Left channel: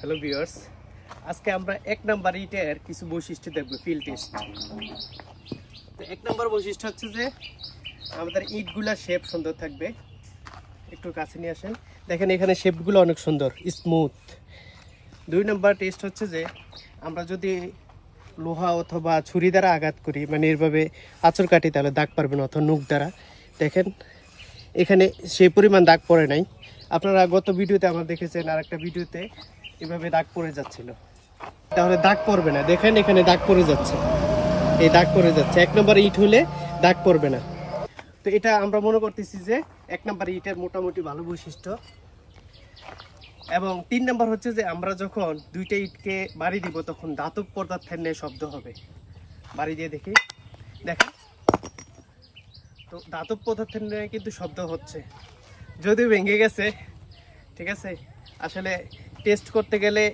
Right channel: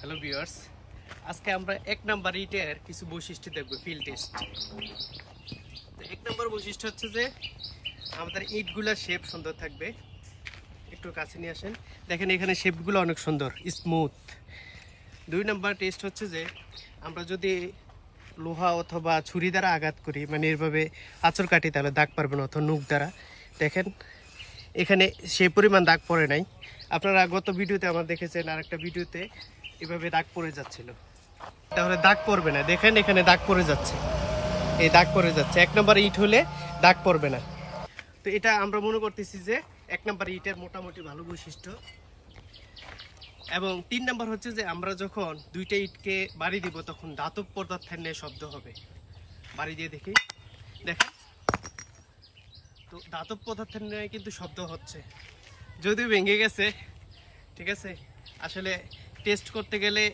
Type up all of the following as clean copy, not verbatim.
Hello viewers, আজকে আমরা এক নাম্বার ইটের কিছু বৈশিষ্ট্য দেখব, ফিল্ড টেস্ট। তো এক নাম্বার বৈশিষ্ট্য হচ্ছে যে আমাদের ইটগুলা শেপ সুন্দর থাকবে। একটু কাছে নিয়ে আসেন, দেখেন এখানে শেপগুলো অনেক সুন্দর, স্মুথ। দুই নাম্বার টেস্ট হচ্ছে যে আমরা যদি লোহা অথবা ছুরি দ্বারা আঘাত করি, মানে এভাবে আঁচড় কাটি, তাহলে দাগ পারবে না, অথবা নুক দ্বারা। দেখেন এখানে সেই পরিমাণ দাগ পড়ে নাই। আপনারা গত ভিডিওতে আমার দেখেছেন, আর একটা ভিডিওতে এভাবে দাগ পড়ে যাচ্ছিল, তাহলে দাগ পড়বে না। দেখেন এখানে দাগ পড়ে যাচ্ছে, এই দাগ পড়ে যাচ্ছে। এক নম্বর ইট হলে দাগ পড়বে না। তো এটা আমরা মনে করতেছি যে এক নম্বর ইটের মোটামুটি ভালো বৈশিষ্ট্য। এবং তিন নম্বর হচ্ছে যে আমরা যখন দুইটা ইটকে বাড়ি দিব, তখন ধাতব পদার্থের ন্যায় শব্দ হবে। বাড়ি দিয়ে দেখি, দেখেন তো ধাতব পদার্থের ন্যায় কিন্তু শব্দ হচ্ছে, যদিও ভেঙে গেছে। ঠিক আছে, আসলে টেস্ট করতে গেলে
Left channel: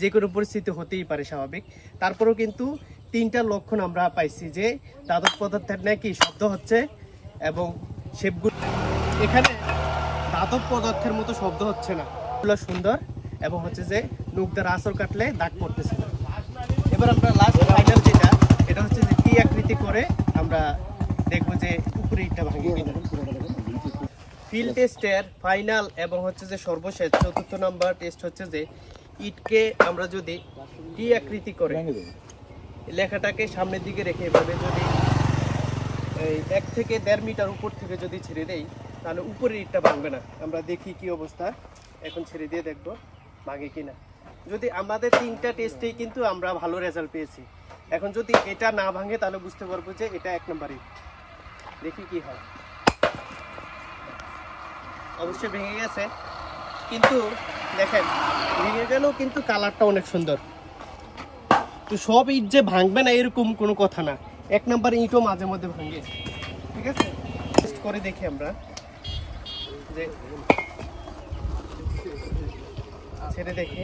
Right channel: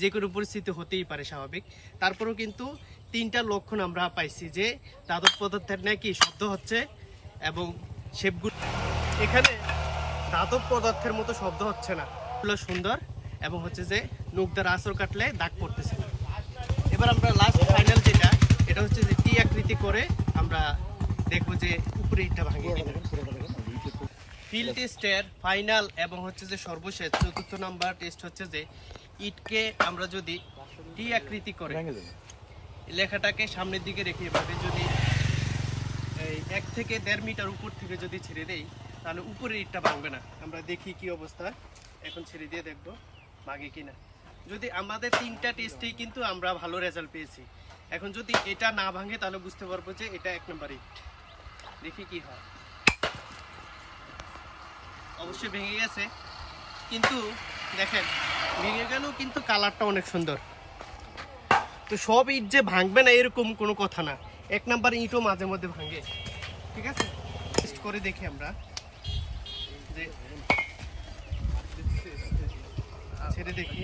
যে কোনো পরিস্থিতি হতেই পারে, স্বাভাবিক। তারপরেও কিন্তু তিনটা লক্ষণ আমরা পাইছি যে ধাতব পদার্থের নাকি শব্দ হচ্ছে এবং শেপগুলো এখানে ধাতব পদার্থের মতো শব্দ হচ্ছে না, এগুলো সুন্দর এবং হচ্ছে যে নুক দ্বারা আঁচড় কাটলে দাগ পড়তেছে না। এবার আমরা লাস্ট ফাইনাল যেটা, এটা হচ্ছে যে টি আকৃতি করে আমরা দেখবো যে উপরে ইটটা ভাঙে কিনা। ফিল্ড টেস্টের ফাইনাল এবং হচ্ছে যে সর্বশেষ চতুর্থ নাম্বার টেস্ট হচ্ছে যে ইটকে আমরা যদি টি আকৃতি করে লেখাটাকে সামনের দিকে রেখে এভাবে যদি 1 থেকে 1.5 মিটার উপর থেকে যদি ছেড়ে দেই, তাহলে উপরের ইটটা ভাঙবে না। আমরা দেখি কি অবস্থা, এখন ছেড়ে দিয়ে দেখবো ভাঙে কিনা। যদি আমাদের তিনটা টেস্টেই কিন্তু আমরা ভালো রেজাল্ট পেয়েছি। এখন যদি এটা না ভাঙে, তাহলে বুঝতে পারবো যে এটা 1 নম্বর ইট। দেখি কি হয়। অবশ্যই ভেঙে গেছে, কিন্তু দেখেন ভেঙে গেলেও কিন্তু কালারটা অনেক সুন্দর। তো সব ইট যে ভাঙবে না এরকম কোনো কথা না, 1 নম্বর ইটও মাঝে মধ্যে ভাঙে। ঠিক আছে, টেস্ট করে দেখি আমরা যে ছেড়ে দেখি,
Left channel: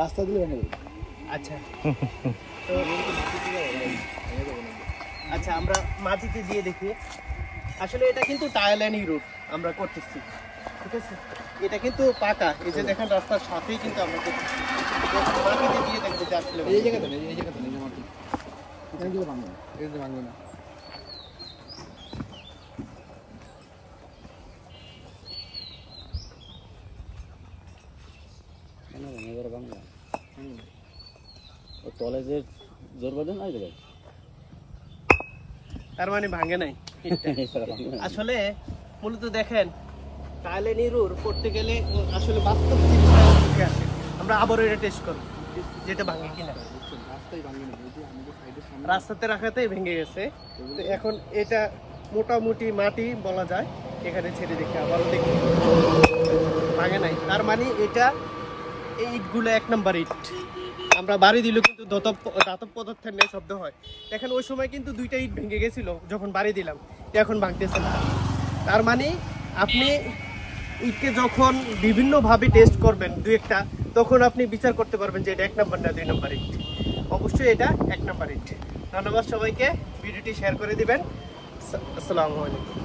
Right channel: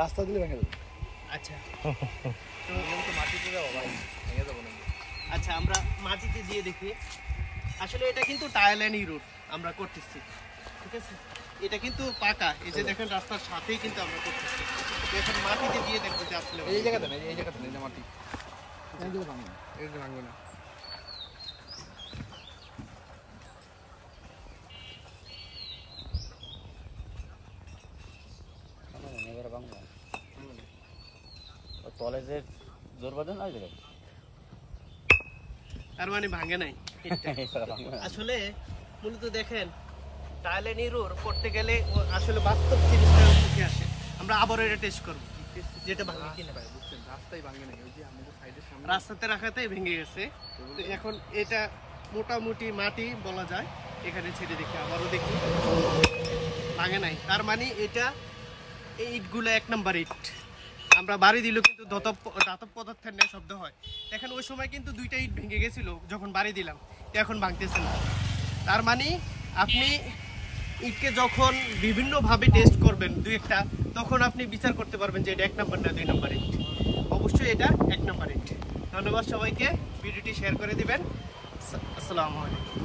রাস্তা দিলে ভেঙে দেবে। আচ্ছা তো আচ্ছা আমরা মাটিতে দিয়ে দেখি। আসলে এটা কিন্তু টায়াল এন্ড রুট আমরা করতেছি। ঠিক আছে, এটা কিন্তু পাকা, এই যে দেখেন রাস্তার সাথেই কিন্তু আমরা করতেছি। মাটিতে দিয়ে দেখবো যে আসলে এই জায়গাতে নেই, এই জায়গাতে নেই মাটি, এই যে ভাঙবে না, এই যে ভাঙবে না। তলে যে জোর বাঁধেন ওই জায়গায়, তার মানে ভাঙে নাই। আসলে মূলত দেখেন টায়ালে নিরুর করতে গেলে আসলে বাস্তব জিনিসটা উঠে আসে। আমরা আবার এটা টেস্ট করবো যেটা ভাঙে কিনা। রাস্তাতে রাখাতেই ভেঙে গেছে। তো এখন এটা মোটামুটি মাটি বলা যায়, এখানে ছেড়ে দেখি, আবারও দেখি ভাঙে নাই। তার মানে এটা এই ইটগুলো 1 নম্বর ইট। আমরা বাড়ি দিলেও কিন্তু ধাতব পদার্থের ন্যায় শব্দ হয়। দেখেন ওই সময় কিন্তু 2টা ইট ভেঙে গেছিল যখন বাড়ি দিলাম, এখন ভাঙতেছে না। তার মানে আপনি ইটকে যখন বিভিন্নভাবে টেস্ট করবেন 2-1টা, তখন আপনি বিচার করতে পারবেন যে এটা 1 নম্বর না 2 নম্বর ইট। অবশ্যই এটা 1 নম্বর ইট। ধন্যবাদ সবাইকে, ভিডিওটি শেয়ার করে দিবেন। আসসালামু আলাইকুম।